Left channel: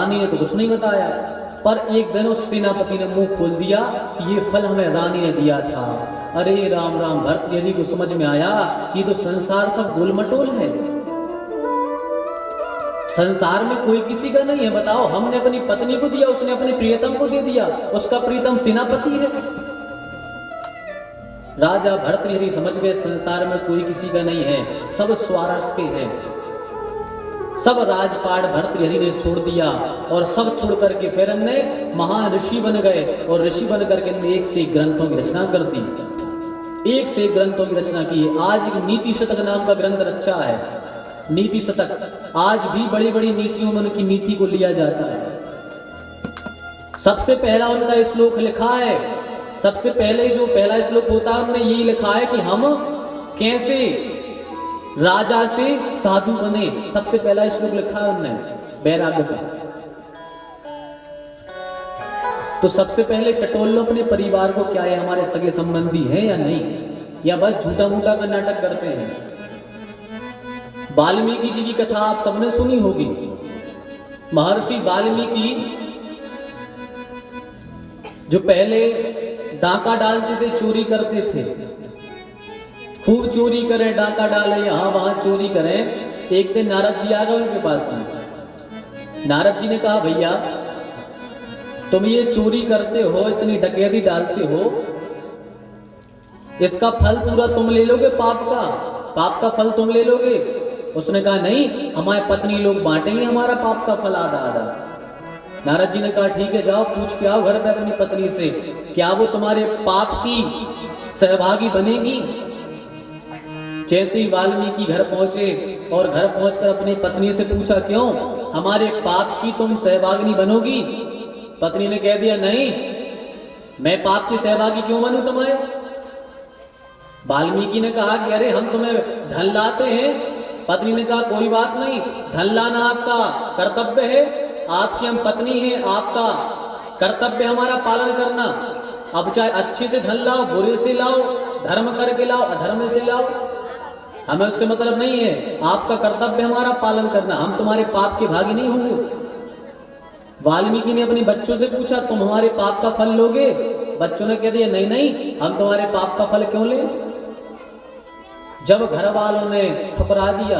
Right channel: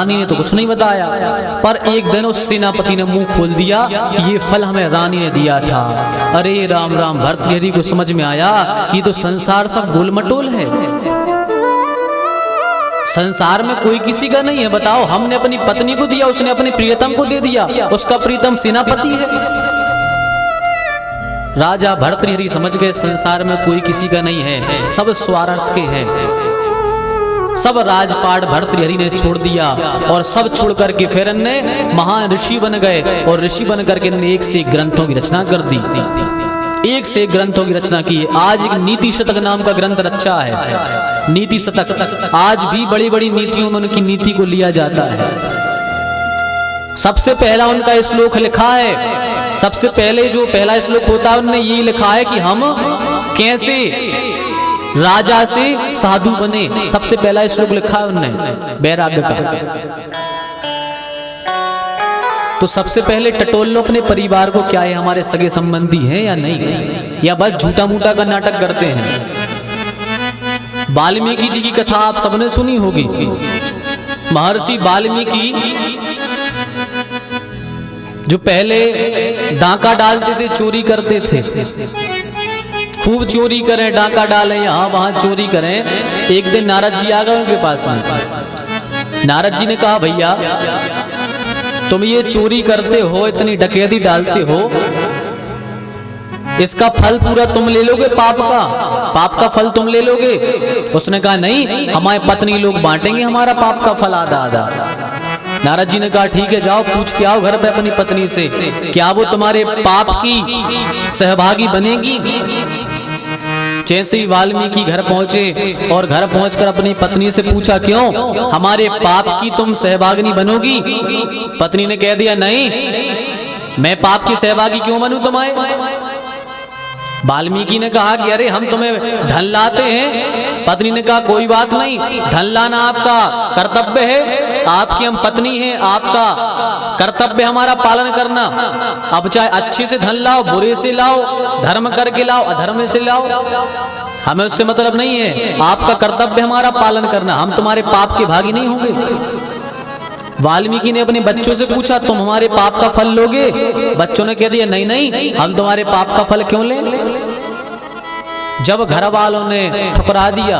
रानी ने तो कुछ नहीं बताया, पर एक दिन उस सेनापति ने मुंह खोल दिया कि ये फल हमें रानी ने दिया था। अरे राम राम, भर्तृहरि को समझ में आया ये तो संसार सब गोलमटोल है, संसार में कोई किसी का नहीं है। बताओ, हमने अपनी पत्नी को दिया, उसने अपने प्रियतम को दे दिया, उसका प्रियतम सेनापति है। राजा भर्तृहरि समझ गए संसार में कोई किसी का नहीं है, सब स्वार्थ के हैं। सब राजपाट भर्तृहरि ने छोड़ दिया और सब छोड़ करके फिर ने महान ऋषि बन गए, और ऋषि बन करके ने एक से एक ग्रंथों की रचना कर दी, एक से एक ग्रंथों की रचना की। आज एक नीति शतक नाम का ग्रंथ रचा है, नीति शतक। आज भी बड़ी बड़ी नीतियों में उनकी नीति को लिया जाता है। सबसे पहला उनका श्लोक लिखा है, सबसे पहले जो पहला श्लोक होता है उन्होंने ये लिखा है कि हम कैसे राजा से साधु बने। सबसे पहला श्लोक लिखा है उन्होंने वैराग्य का। तो सबसे पहले टटोल लो अपने परिवार को, क्या है हमारे सगे संबंधी हैं या नहीं, या बस झूठा मूठा का नाटक करते हैं। वाल्मीकि जी की कथा आप सबने सुनी होगी। महर्षि वाल्मीकि जो पहले डाका डालते थे, चोरी करते थे, खूब चोरी करें, डाका डाले यहां वहां चोरी करें। एक दिन नारद जी आ गए उनके पास में। नारद जी ने कहा, भैया तुम ये चोरी करते हो, इतनी डकैती डालते हो, इसका फल पूरा तुम ले लोगे, पाप का फल तुम ले लोगे? उसने कहा नहीं, हमारे पत्नी लोग बांटेंगे हमारा पाप का फल आधा आधा। नारद जी ने कहा ठीक है, जाओ पूछ के आओ घर पे अपनी पत्नी से, क्या वो तुम्हारे पाप की सहभागी बनेगी? जैसे ही वाल्मीकि घर पहुंचे और घर पहुंचकर अपनी पत्नी से पूछा, क्यों हमारे पाप की तुम सहभागिनी बनोगी? पत्नी ने कह दिया, नहीं, मैं पाप की सहभागी क्यों बनूं तुम्हें? वाल्मीकि ने कहा कि अरे हम तुम्हें धन लाते हैं। पत्नी ने कहा कोई बात नहीं, धन लाना आपका कर्तव्य है, आपकी हम पत्नी हैं, आपका कर्तव्य हमारा पालन करना। अब चाहे अच्छे से धन लाओ, बुरे से लाओ, धर्म करके लाओ, अधर्म से लाओ, हमें उससे मतलब नहीं है, आपका कर्तव्य हमारा पालन करना, हम तुम्हारे पाप के भागी नहीं होंगे। वाल्मीकि ने अपने बच्चों से पूछा, तुम हमारे पाप का फल लोगे? बच्चों ने कह दिया नहीं नहीं, हम तुम्हारे पाप का फल क्यों लें? जब घर वालों ने ठुकरा दिया,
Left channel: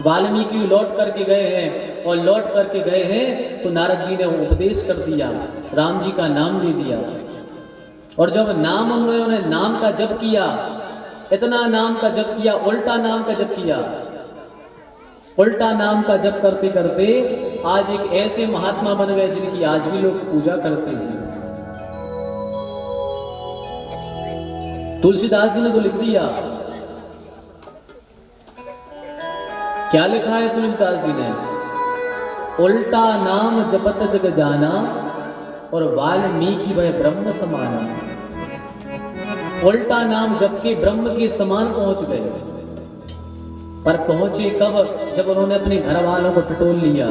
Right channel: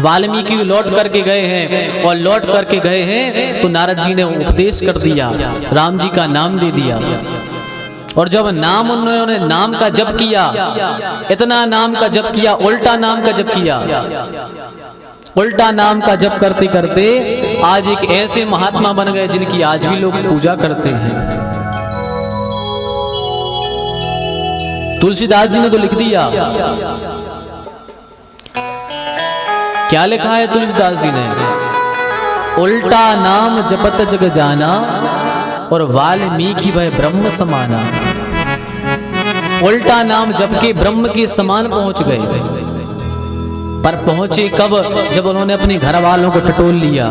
वाल्मीकि लौट करके गए हैं, और लौट करके गए हैं तो नारद जी ने उपदेश कर दिया, राम जी का नाम दे दिया। और जब नाम उन्होंने नाम का जप किया, इतना नाम का जप किया, उल्टा नाम का जप किया, उल्टा नाम का जप करते करते आज एक ऐसे महात्मा बन गए जिनकी आज भी लोग पूजा करते हैं। तुलसीदास जी ने तो लिख दिया, क्या लिखा है तुलसीदास जी ने? उल्टा नाम जपत जग जाना, और वाल्मीकि वह ब्रह्म समाना। उल्टा नाम जप के ब्रह्म के समान पहुंच गए। पर पहुंचे कब? जब उन्होंने अपने घर वालों को टटोल लिया,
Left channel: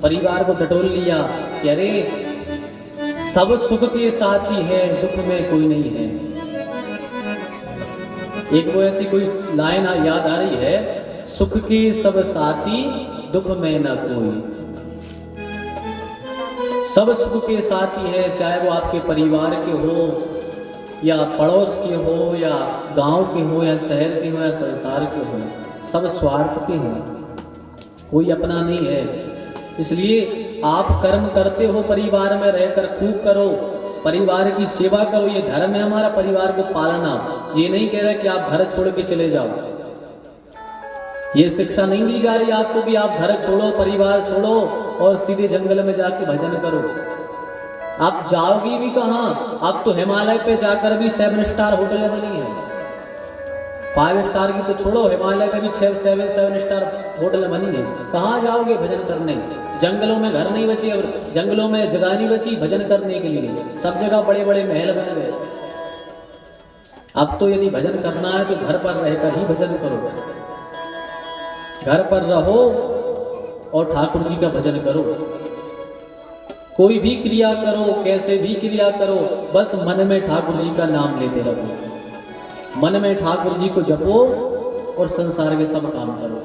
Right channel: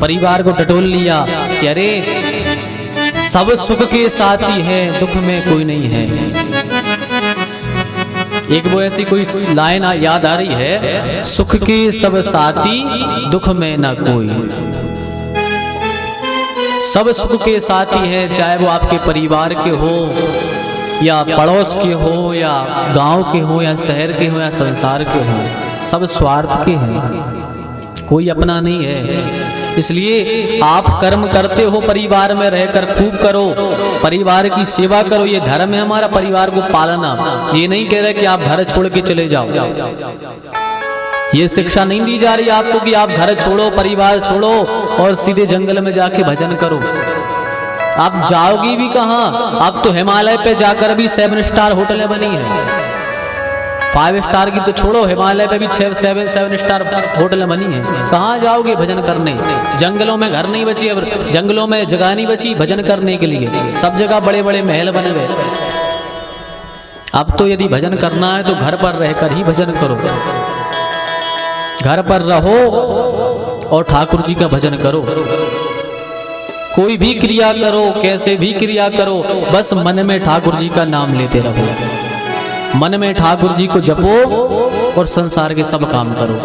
परिवार को टटोल लिया कि अरे सब सुख के साथी हैं, दुख में कोई नहीं है। एक वो ऐसी कोई लाइन याद आ रही है, सुख के सब साथी, दुख में ना कोई। सब सुख के साथी हैं, चाहे वो आपके परिवार के हो, या पड़ोस के हो, या गांव के हो, या शहर के हो, या संसार के हो, सब स्वार्थ के हैं, कोई अपना नहीं है। इसलिए आप कर्म करते हो, परिवार में रहकर खूब करो, परिवार की सेवा करो, ये धर्म है हमारा, परिवार को पालना। ये नहीं कह रहे कि आप घर छोड़ के चले जाओ, ये शिक्षा नहीं दी जा रही आपको कि आप घर छोड़ो, परिवार छोड़ो और सीधे जंगल में जाके भजन करो। आप जाओगी भी कहां? आप तो हिमालय पे जाकर भी 7 स्टार होटलें बनी है, 5 स्टार की तो छोड़ो, हिमालय पे भी 7 स्टार होटल बनी है। कहाँ जाओगे भजन करने? जंगलों में घर नहीं बची, जंगलों में जगह नहीं बची भजन करने के लिए, सब जगह बड़े बड़े महल बने गए। अब तो यदि भजन करना है तो घर पर रहकर ही भजन करो, घर पर रहो और ठाकुर जी का भजन करो। कोई भी क्रिया करो, कैसे भी क्रिया करो, बस मन में ठाकुर जी का नाम लेते रहो, मन में ठाकुर जी को जपो और संसार के सब काम करो।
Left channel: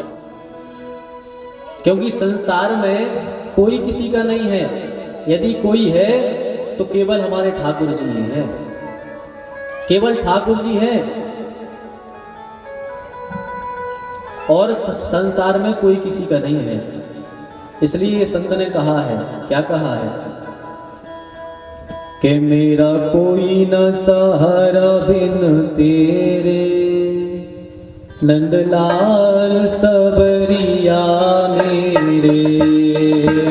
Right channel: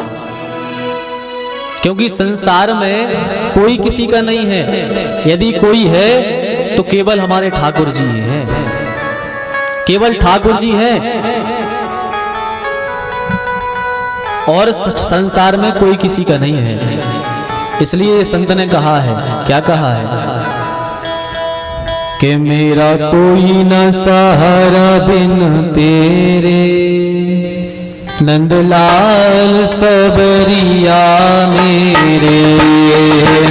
क्योंकि संसार में कोई किसी का नहीं है। यदि कोई है तो केवल हमारे ठाकुर जी ही है, केवल ठाकुर जी है। और संसार में कोई किसी का नहीं है। इसलिए संत ने कहा है, क्या कहा है कि मेरा कोई न सहारा बिन तेरे, नंदलाल सबरिया मेरे।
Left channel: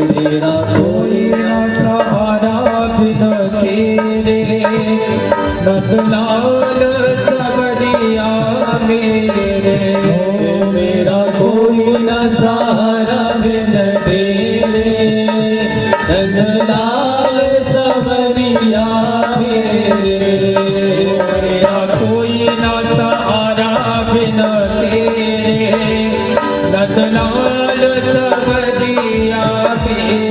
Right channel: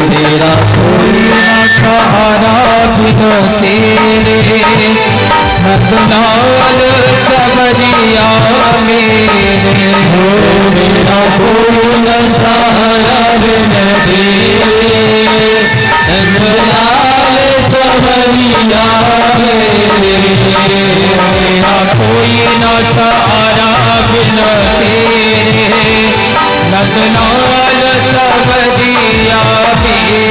मेरा कोई न सहारा बिन तेरे, नंदलाल सबरिया मेरे। मेरा कोई न सहारा बिन तेरे, नंदलाल सबरिया मेरे। मेरा कोई न सहारा बिन तेरे, नंदलाल सबरिया मेरे।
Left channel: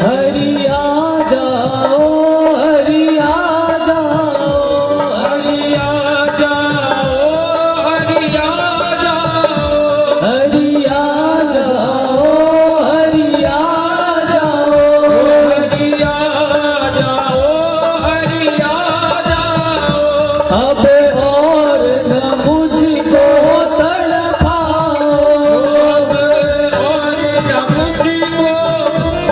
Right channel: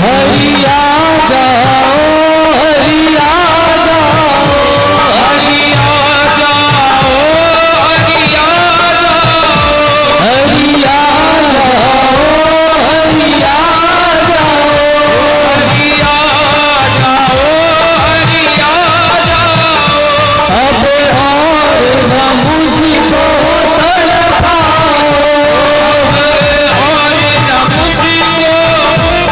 हरिया जाओ, हरिया जाओ, हरिया जाओ, हरिया जाओ, हरिया जाओ, हरिया जाओ, हरिया जाओ। अब और न मुझको तड़पाओ, और न मुझको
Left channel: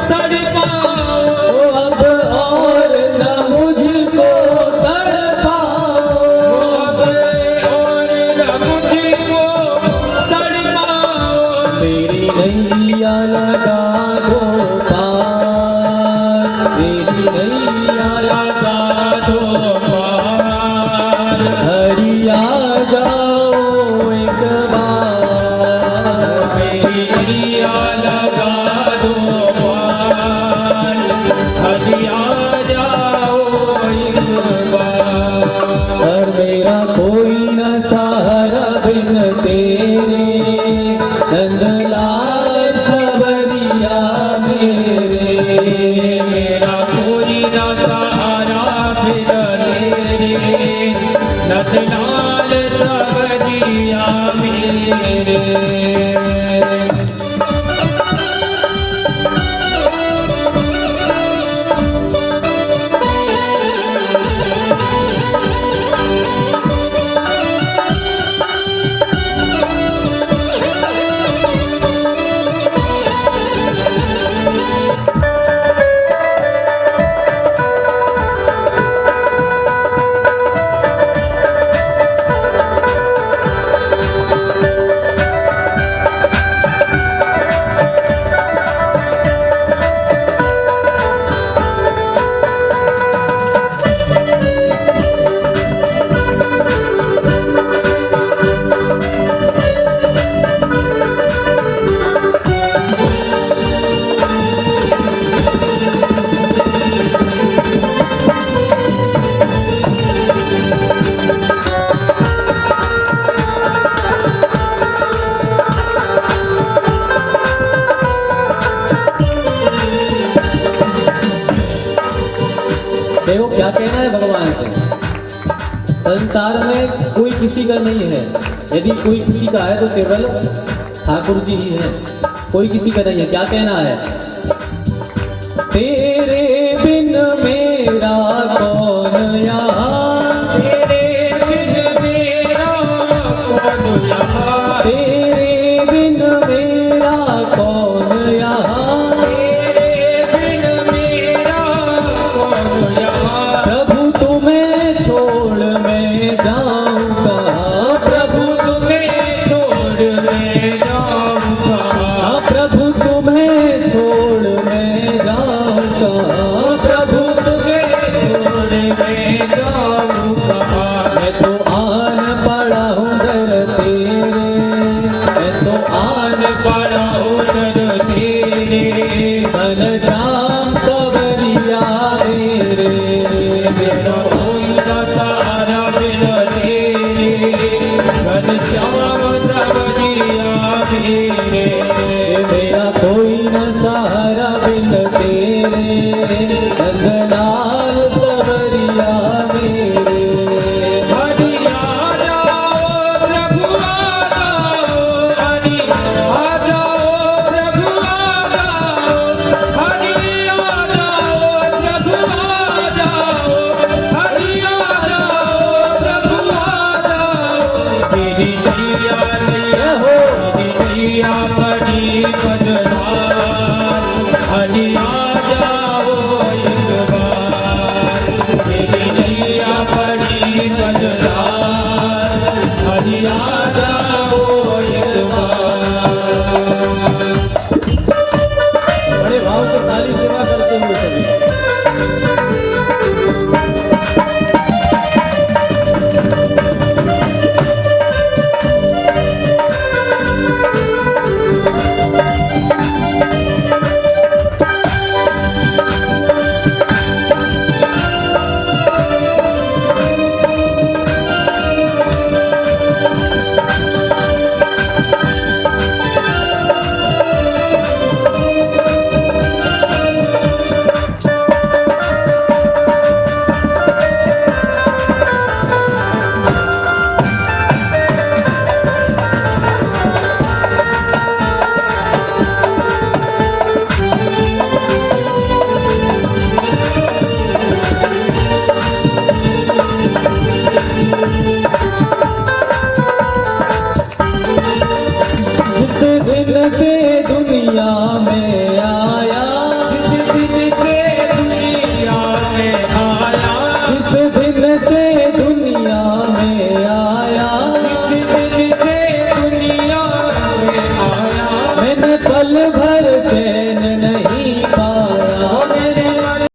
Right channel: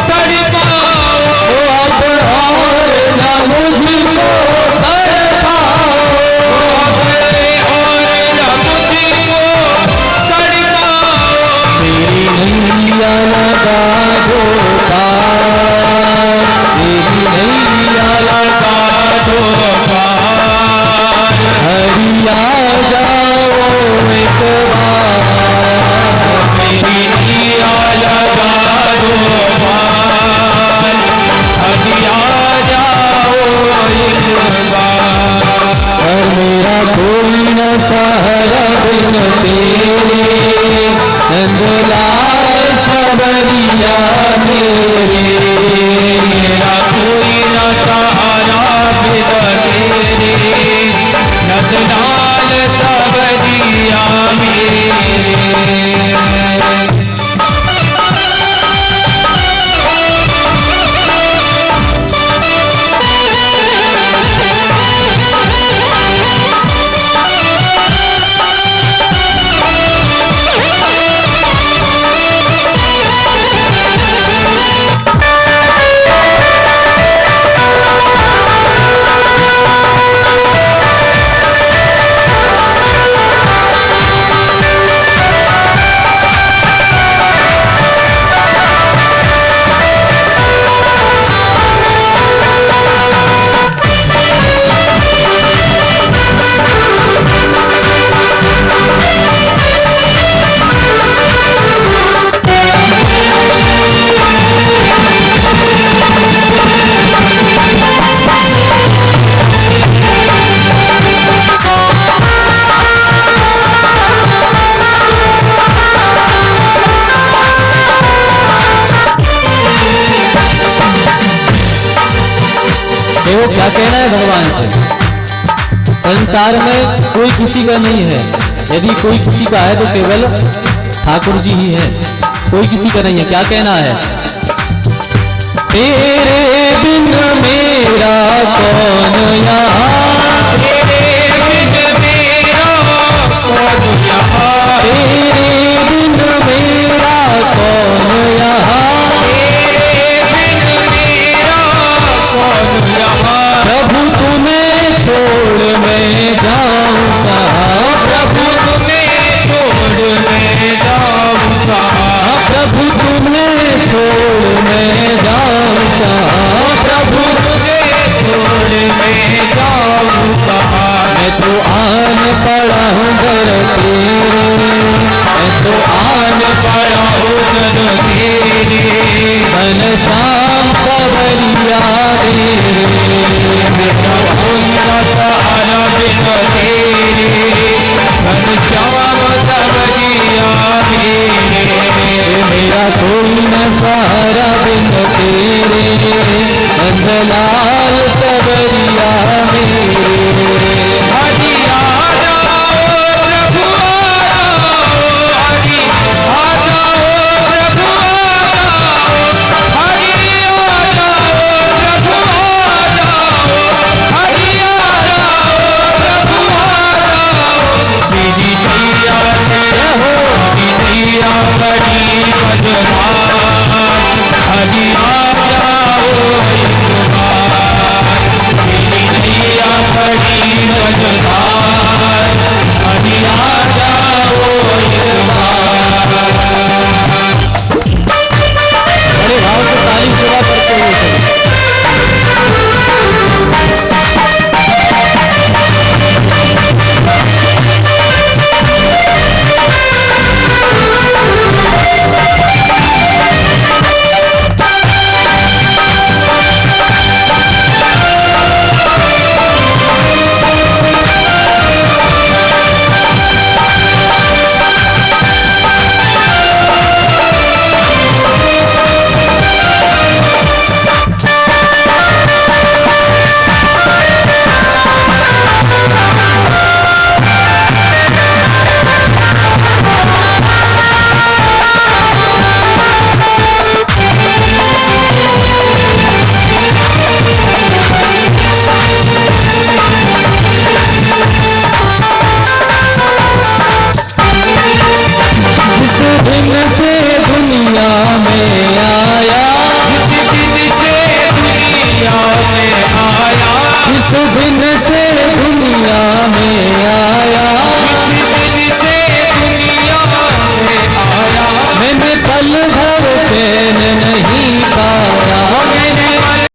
तड़पाओ, अब और न मुझको तड़पाओ, और न मुझको तड़पाओ। मेरी नैया लगा दो पार, मेरी नैया लगा दो पार। हरिया जाओ एक बार, मेरी नैया लगा दो पार। हरिया जाओ एक बार। मेरा कोई न सहारा बिन तेरे, नंदलाल सबरिया मेरे। मेरा कोई न सहारा बिन तेरे, नंदलाल सबरिया मेरे। देखो क्या कहना है भगवान से, संसार में कोई किसी का नहीं है। यदि कोई किसी का है तो केवल ठाकुर जी ही है, कोई किसी का नहीं है। क्या कहना है, तेरे बिन मेरा कौन यहाँ, तेरे बिन मेरा कौन यहाँ, तेरे बिन मेरा कौन यहाँ, तेरे बिन मेरा कौन यहाँ। प्रभु तुम्हें छोड़ मैं जाऊँ कहाँ, प्रभु तुम्हें छोड़ मैं जाऊँ कहाँ, प्रभु तुम्हें छोड़ मैं जाऊँ कहाँ, प्रभु तुम्हें छोड़ मैं जाऊँ कहाँ। मैं तो आन पड़ा हूँ घर तेरे, मैं तो आन पड़ा हूँ घर तेरे, मन श्याम सबरिया मेरे। मैं तो सहारा बिन तेरे, मन श्याम सबरिया मेरे। मेरा कोई न सहारा बिन तेरे, नंदलाल सबरिया मेरे। हरिया जाओ प्रभु आ जाओ, हरि आ जाओ हरि आ जाओ एक बार, मेरी नैया बड़ी मझधार, हरि आ जाओ एक बार। बड़े भाव से तारीफ के बाद करते हुए दुनिया में